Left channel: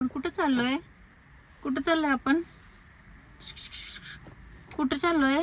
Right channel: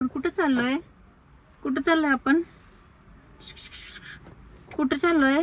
कुठे चाललोय? कुठे चाललोय आपण? कुठे चाललोय?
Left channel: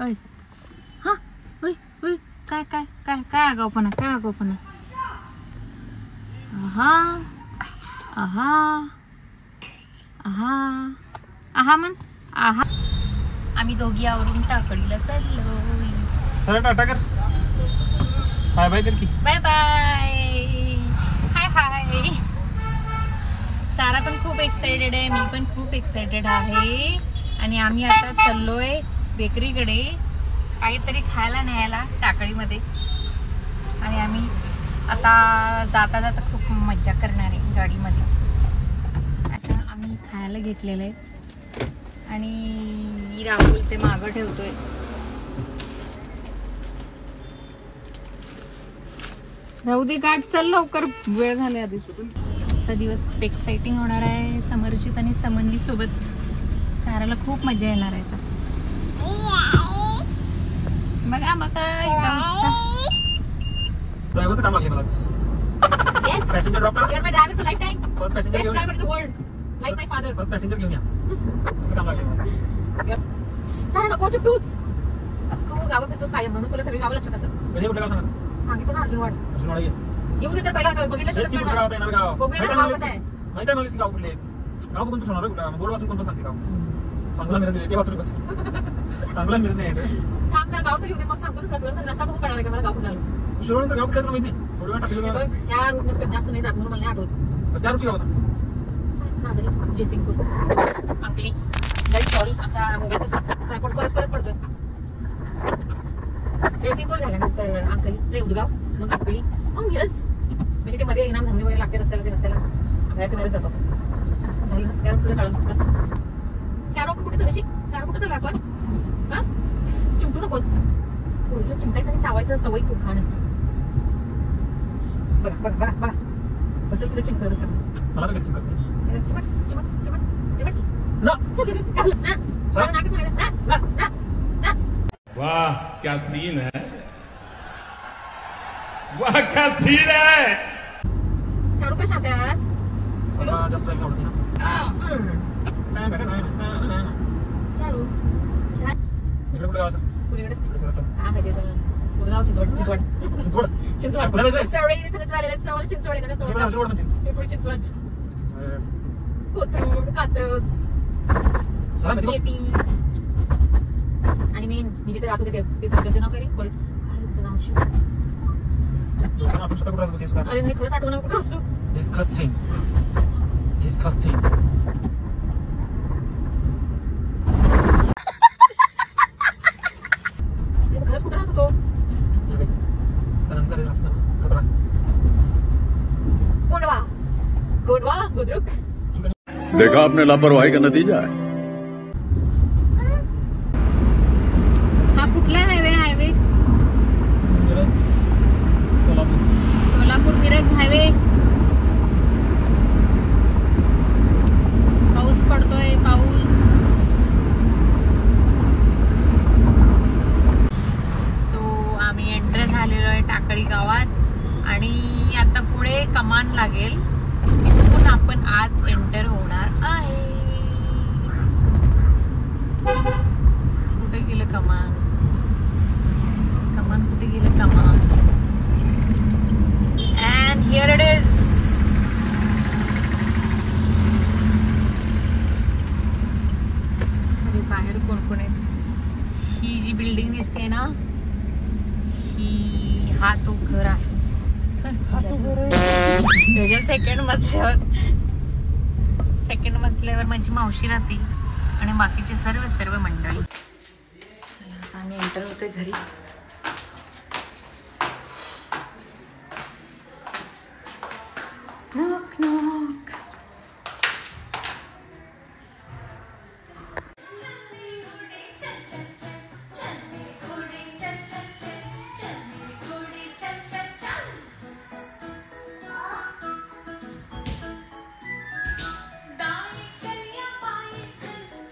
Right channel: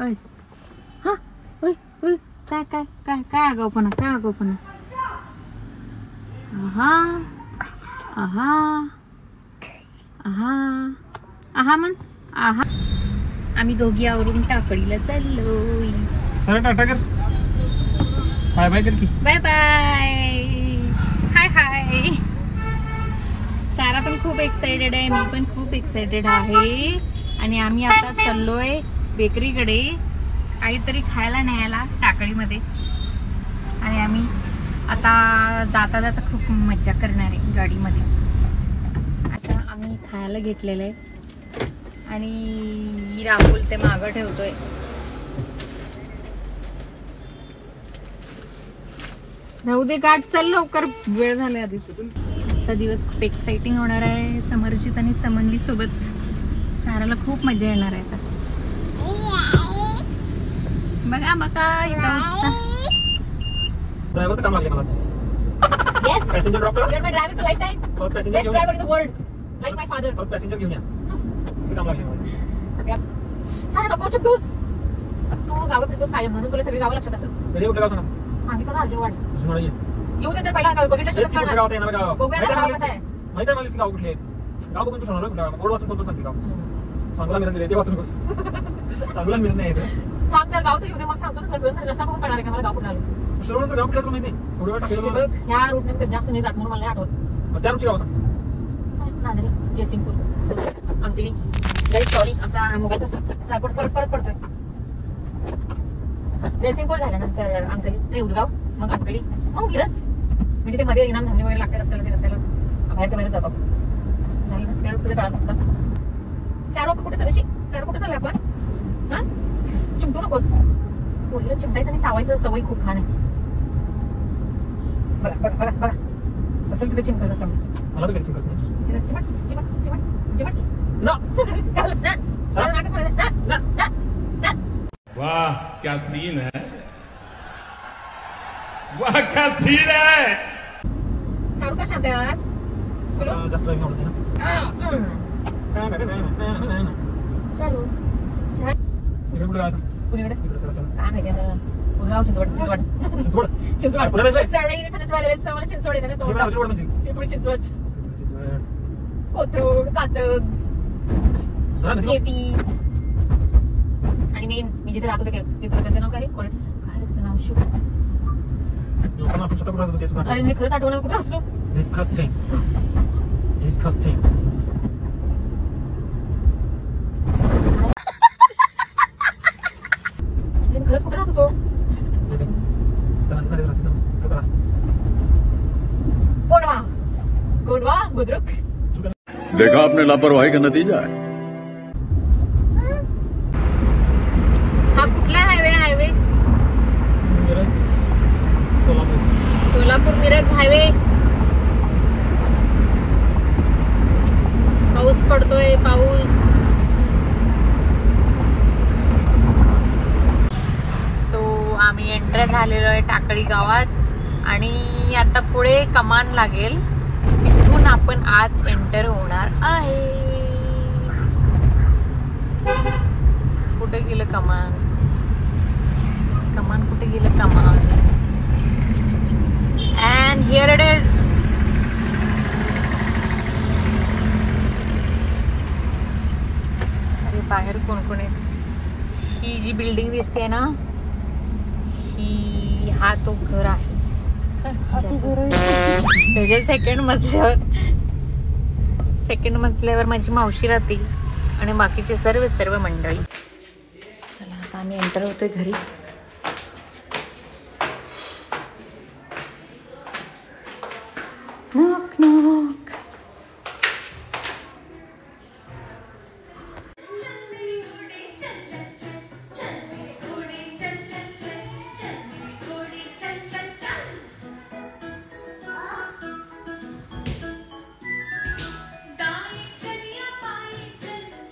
ओय हा ओय ओय काय काय काय काय आगाऊपणा, काय आगाऊपणा. आहा आहा आहा आहा म्हण आहा. आम्ही दोघी आवरून टाकडीला चाललोय. सर टाटा कर, बाय बाय कर की. बाय बाय, हाय हाय. सारा पण खूप एक्साइटेड आहे, मी पण खूप एक्साइटेड आहे. आणि आम्ही आता चाललोय बेकरीकडे काहीतरी खायला न्यायला टाकळीमध्ये. आणि आम्ही आता जाता जाता खूप मज्जा करणार आहे गाडीमध्ये. आता आम्ही खायला घेतलेलं आहे आणि राहुल ते मागं ठेवतोय. राहू दे गाठ, चल लवकर, वेळ झाला आधीच. आजचा दिवस खूप एक्साइटिंग होणार आहे. समरजित आणि समन्वी सोबत साराला खूप मजा येणार आहे. बघा बघा ड्रायव्हरचं काम लागलं मला. Yes, Passenger drop करा. you are my driver for lifetime. First passenger Best घेऊन या. driver in the world, like my father. फक्त पॅसेंजर घेऊन या. असं काम लागलं मला. सारा नको चिपटूस. तू गावं फिरतोस कायम म्हणून तुला सगळी गावं लक्षात असतात. मी कुठे गाव सांगा? सांगितलं ना अर्जुनवाड. अजून ये. येऊ दे तर पहिला गाव बघितलं हेच की कुठं गाव ते येणार गाव. बघूया ना गाव कसं आहे. माहिती आहे मला की गाव कुठले आहे. गाव बघून तू ठरवणार कुठं. बोर्ड वाचून कोणतं सांगते गाव. सांगूला मिळत नाही ते वाचून बस. सांगूला मिळत नाही. थांब तर गाव तर येऊ दे, मग सांगतो ना तुला. रस्ता बघून कळणार आहे का मला गाव कुठं आलं. शिरोळ तर गाव कुठलं माहिती नाही. थोडी वेळ टाकलेलं मला. बघ ह्या रूटने जास्त नाही जात म्हणून मला नाही आठवत. त्या रूटची गाव सांग. नांदरी, जयसिंगपूर, अंकली. सॉरी, आमचा मोबाईलचा ट्रायपॉड परत पडतोय. जयसिंगपूर झाल्यानंतर अंकली नाही, उदगाव, मग अंकली, मग मिरज. म्हणजे ते मध्ये इनाम धामणी वगैरे लागते रस्त्याला, ते रस्त्याला बाहेरच्या बाहेर जातो आपण. झालं त्या तुझ्या काळात फक्त शाहरुख कुठे चालू, शाहरुख कुठे चालू आपण? हा चिमटू नकोस. पोरीला चिमटायचं आणि चावायचं सवय खूप घाण आहे. बघा बघा बघा बघा कसं तिथे चिमकत असतं. मला तर चिमकत नाही. चिमट चिमट चिमट चिमट की ना वाह क्या सीन है, वाह क्या सीन है. शाहरुख का शब्द आहे मला जास्त नाही आवडत ना. शाहरुख इकडे कुठे गाव सांग. कुणीकडे इकडे रस्ता. काय माहिती आता. उदगाव, चिंचवड चिंचवड चिंचवड. चिंचवड. सॉरी मी खरंच राहिले सवय चिंचवड येते ना. हे मला उजवड म्हणजे. पुढे चिंचवड, चिंचवड. कोथरूड, कात्रज, चला निघू. केपी. आणि मी जिथे राहतो तिथे त्याचं नाव काय रे? काय तुझं नाव? शिव. आपण स्वतः कुठे राहतो ते सुद्धा. अरे नाही खरंच आठवण कुठं असतो. Disgusting. Disgusting. खरंच कुठे राहतो तो? गोंडवा, गोंडवा, बुद्रुक. देखा आपने लापरवाही का नतीजा है. हा कुठला हायवे? सोलापूर मिरज हायवे. पाऊस पडतोय, पाऊस. सो आम्ही एंटर झालेलो आहे टाकळी गावात आणि आता पुढे कमान लागेल, तिथून आपण आत एंटर होणार आहे. कुठे गेलं कमान? कमान कुठे गेलं? कमान. And here it is. बाहेर कोण कोण आहे? ही जी बिल्डिंग दिसते ना, ही हा तो घर आहे. त्याच्या सेकंड मजल्यावर माझी मावशी राहते आणि बाकीचे सर्व मंडळी. चला आता आम्ही एंटर होतोय घरी. Knock knock.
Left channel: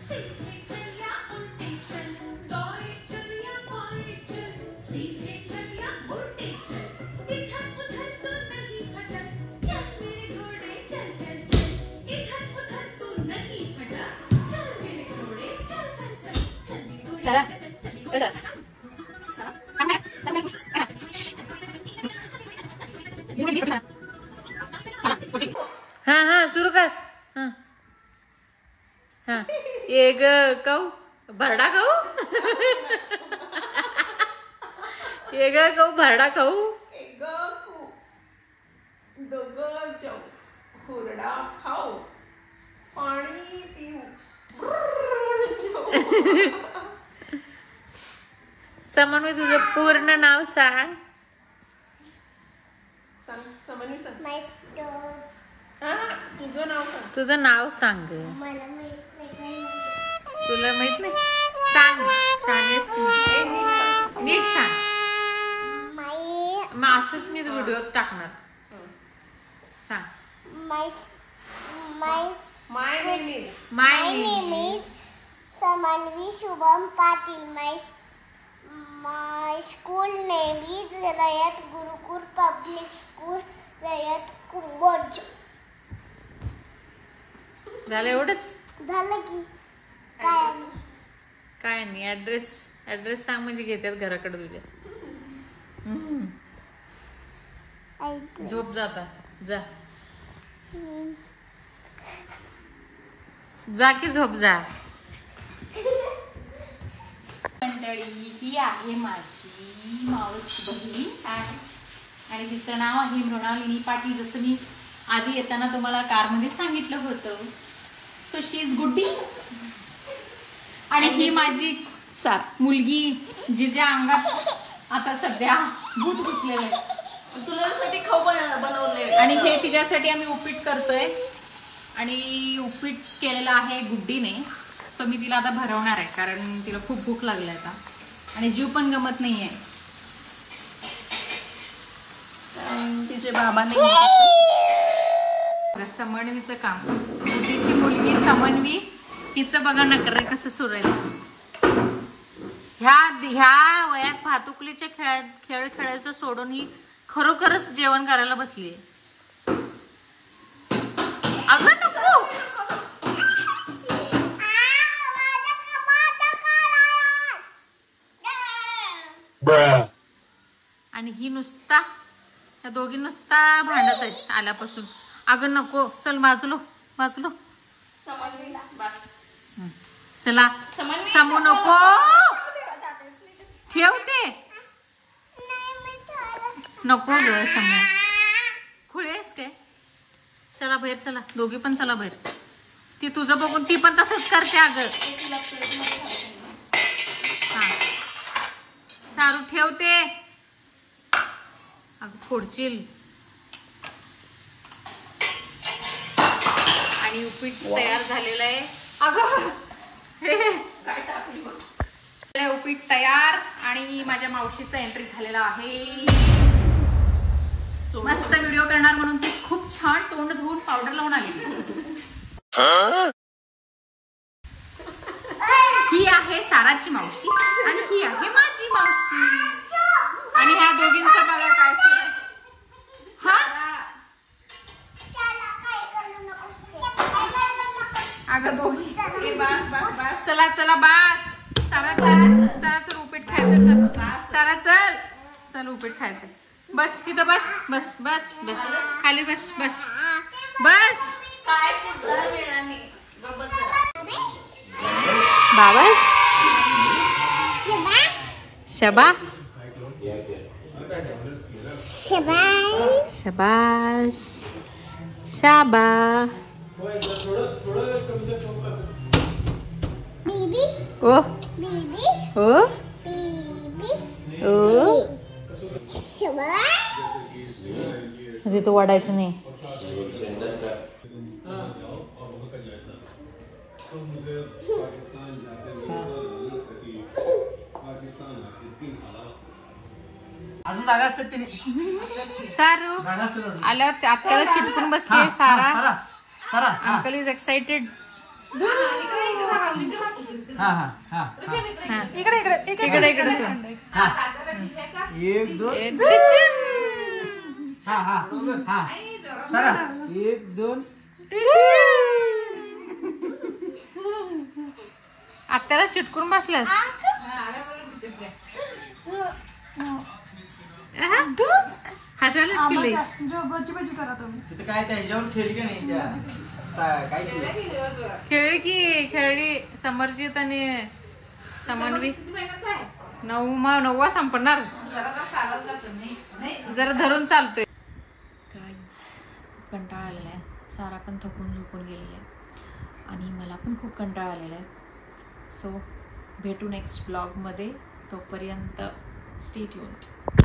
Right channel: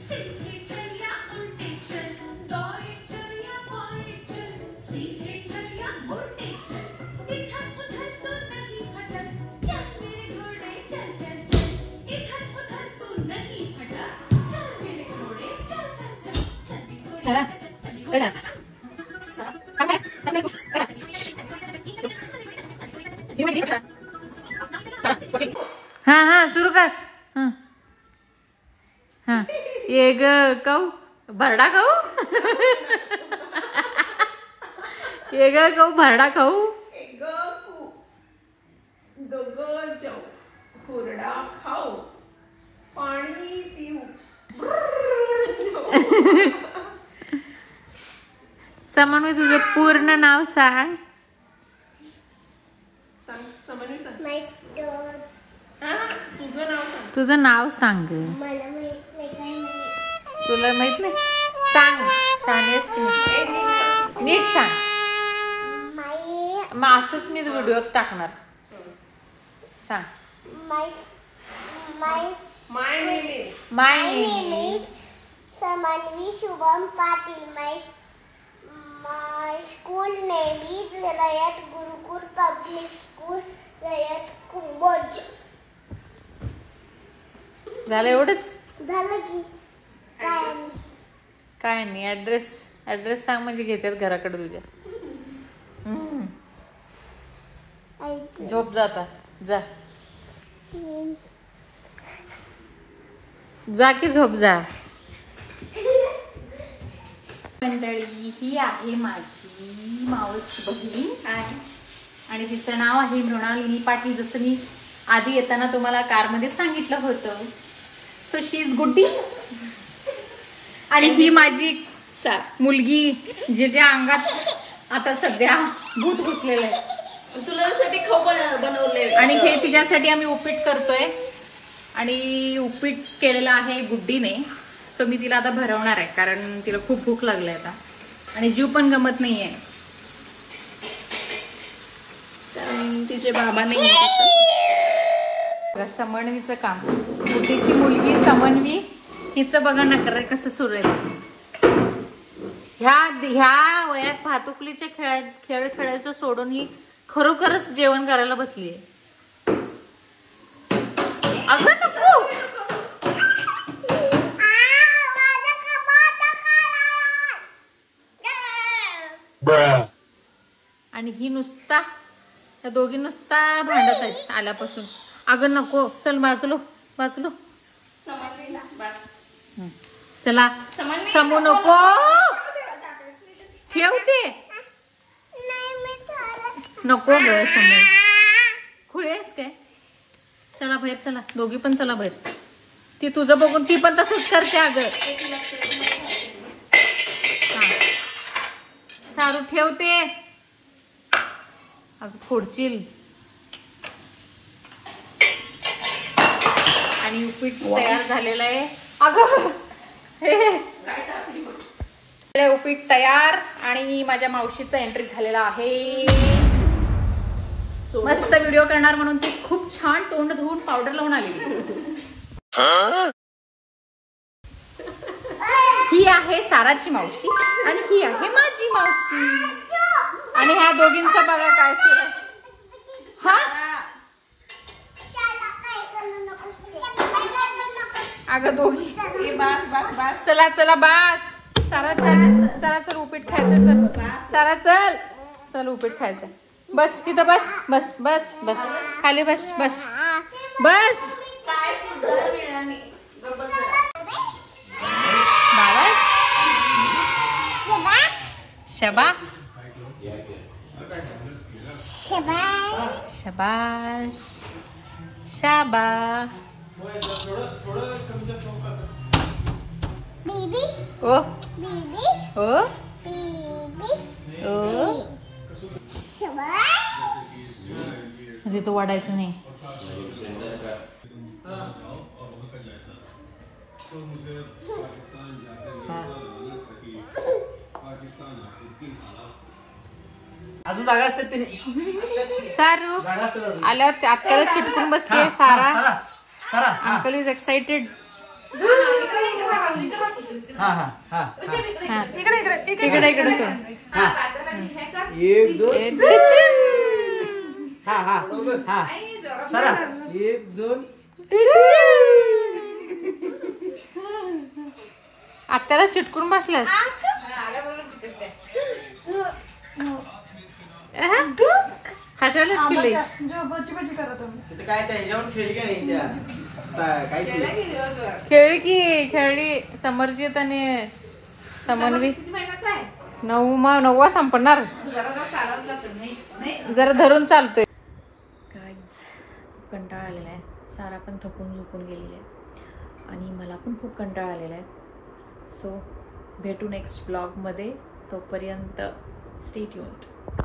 सीधी चल या उल्टी चल, दौड़े चल या बाएं चल. हा हा सुरू कर. हा हा ये ग कौ भरडा खाऊ. ये ग कौ भरडा खाऊ. हुरडा खाऊ पाणी पिऊ. समन्वय तुझं पूर्ण नाव सांग. समन्वय सांग. तुझं नाव सांग. तुझं नाव सांग. तुला माहित नाही सांग. शाळेत नीट सांग. मग असंच मी व्हिडिओ टाकणार. सांग. My name is. My name is Samanvi Shubham Patil. My school name is Rayat Gurukul Public School, Rayat Kumboj. झालं एवढंच. झालं की काय नाही. ऍड्रेस सांग म्हणजे घेतात घराकडे तुझ्या. झोप जाता जा. जा की झोप जा. मंडळी ही आहे माझी मावस बहीण आणि तिचं नाव आहे मृणालिनी पाटील. जसं मी आधी येताना तुम्हाला कारमध्ये सांगितलं होतं. सो शी इज गुड्डी. आणि ही माझी मुलगी जिच्या अंगात आता सध्या भूत घुसलेलं आहे. तुझ्यासाठी खाऊ बनवले आणि हे तिच्यासाठी आम्ही उपीट करतोय. आणि उपीट केलेलं आहे गुड्डीने. सो मी तिला आता भरवणार आहे कारण तिला खूप भूक लागली आता आणि जीव पण गमत नाहीये. तिचे बाबा नाही. समन्वीचं काम. गुड्डीची मुलगी समन्वी हिचं बघा नकर कसं सुरू आहे. ह्या वयात भातुकलीचे खेळ खेळायचं सोडून ही खरोखरच जेवण करायला बसलीये. अगं नको. आणि ही नुसता त्या दोघी नुसता भांडत आहेत आल्यापासून. अगं नको. चल बाजूलो बाजूलो. चला समू नको ठेवते. नको ग समू. खुळेस काय. चला बाहेर चला. दोघी पण चला बाहेर. ती तुझं बघून ती पण तसंच करते. अगं हा सारू ठेवते. अगं फोडशील. आणि उपीट तयार झालेलं आहे. अगं हे उपीट तयार. आणि माझ्या मावशीचा एंट्री झालेला आहे. मस्त व्हिडिओ करणार म्हणून ती खूप छान तोंड धुवून पावडर लावून आलेली. ही आहे साराची मावशी आणि ही आहे माझी मावशी. आणि ह्या दोघींचं बघा काय सुरू आहे. हा अगं दोघी चला चला बास. सारा चल उपीट खायचं. चल सारा चल चल उपीट खायचं. बस इथं बस बस बस बस खाली बस बस बस. बाबा शबा शबाश शाबा. ओ ओ ओ म्हणजे तू वाढायचं नाही. अजून जागा असते ते. सारू आल्यावर आत्याला चिटकून बसते. सारा अंकल इज एक्साइटेड. इकडे इकडे इकडे एक दोन. सारा एक दोन. आत्याला चिटकून बसलास. हसायलाच केले. खेळली समरजित आणि समन्वी 9वा संपणार. जरा धरून चालतोय. कंटाळा आलेला आहे. सारा पण थकून झोपून गेलेला आहे आणि मला पण खूप कंटाळा आलेला आहे. सो भेटू नेक्स्ट व्लॉगमध्ये. तोपर्यंत स्टे ट्यून्ड.